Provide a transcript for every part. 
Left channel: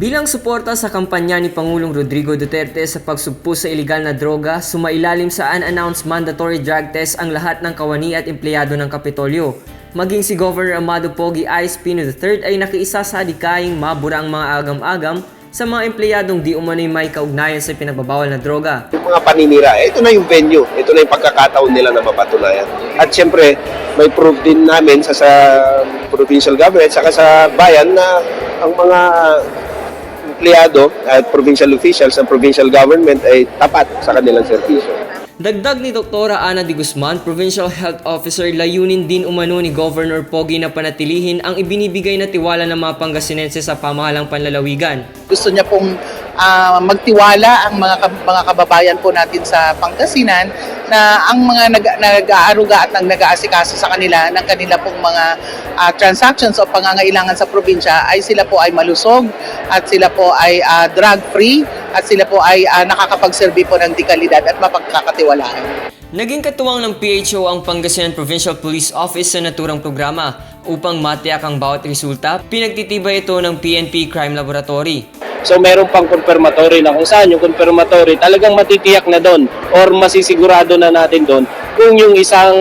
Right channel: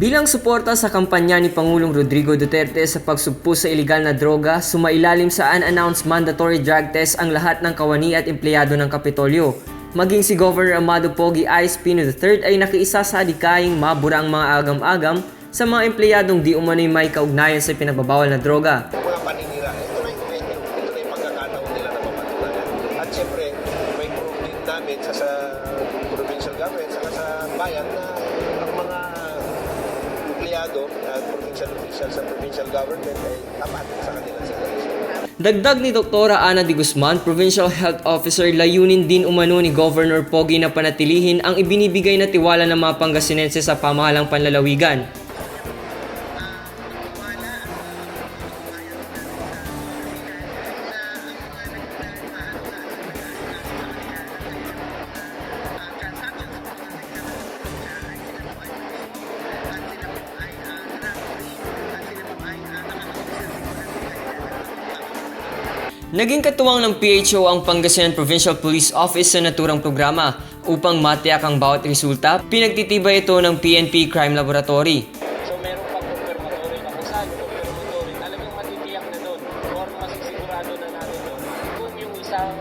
Bilang suporta sa kampanya ni Pangulong Rodrigo Duterte sa pagsugpo sa ilegal na droga, sumailalim sa unannounced mandatory drug test ang lahat ng kawani at empleyado ng Kapitolyo. Maging si Governor Amado Pogi I. Espino III ay nakiisa sa adikaying mabura ang mga agam-agam sa mga empleyadong di umano'y may kaugnayan sa pinagbabawal na droga. Yung mga paninira, ito na yung venue, ito na yung pagkakataon nila na mapatunayan. At siyempre, may proof din namin sa provincial government, saka sa bayan na ang mga empleyado at provincial officials ng provincial government ay tapat sa kanilang serbisyo. Dagdag ni Dr. Ana de Guzman, Provincial Health Officer, layunin din umano ni Governor Pogi na panatilihin ang ibinibigay na tiwala ng mga Pangasinense sa pamahalang panlalawigan. Gusto niya pong magtiwala ang mga kababayan po natin sa Pangasinan na ang mga nag-aaruga at nag-aasikaso sa kanila ng kanila pong mga transactions o pangangailangan sa probinsya ay sila po ay malusog at sila po ay drug-free at sila po ay nakakapagserbi po ng dekalidad at mapagkakatiwalaan. Naging katuwang ng PHO ang Pangasinan Provincial Police Office sa naturang programa upang matiyak ang bawat resulta. Pinagtitibay ito ng PNP Crime Laboratory. So meron pang confirmatory na kung saan yung confirmatory talagang matitiyak na doon or masisigurado na natin doon kung yung isang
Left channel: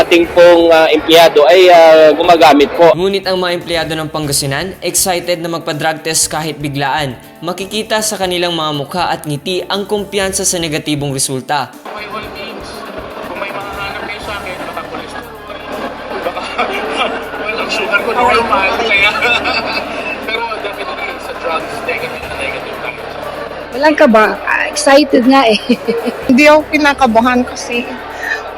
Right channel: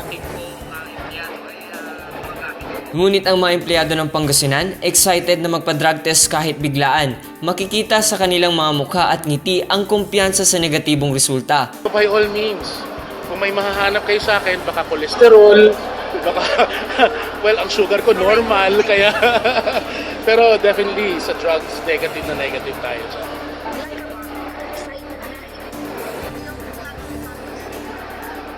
ating pong empleyado ay gumagamit po. Ngunit ang mga empleyado ng Pangasinan, excited na magpa-drug test kahit biglaan. Makikita sa kanilang mga mukha at ngiti ang kumpiyansa sa negatibong resulta. By all means, kung may mahahanap kayo sa akin, baka cholesterol, well, ang sugar ko normal, kaya pero definitely sa drugs, negative tayo. Ilan ka ba? Excited nga eh. Hindi ako kinakabahan kasi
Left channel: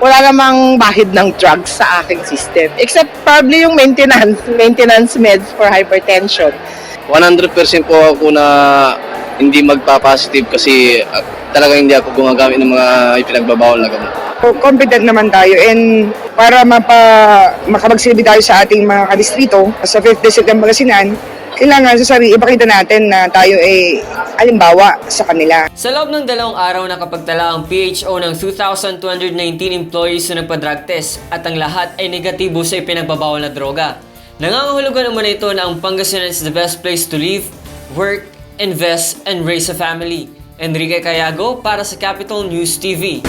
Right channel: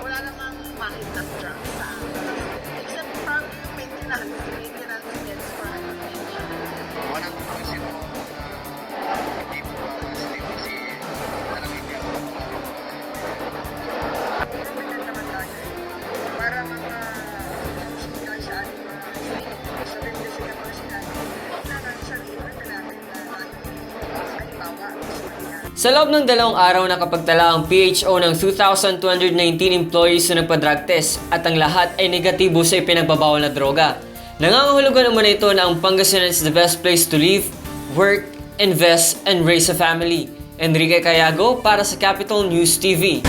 wala namang bahid ng drugs sa aking system. Except probably yung maintenance meds for hypertension. 100% po ako na hindi magpa-positive kasi talagang hindi ako gumagamit ng mga ipinagbabawal na gamot. Confident naman tayo and para makapagsilbi tayo sa ating mga kadistrito sa 5th District ng Pangasinan, kailangan sa sarili ipakita natin na tayo ay halimbawa sa kanila. Sa loob ng 2 araw nakapagtala ang PHO ng 2,219 employees na nagpa-drug test at ang lahat ay negatibo sa ipinagbabawal na droga. Nangangahulugan naman ito na ang Pangasinan is the best place to live, work, invest, and raise a family. Enrique Cayago para sa Capital News TV.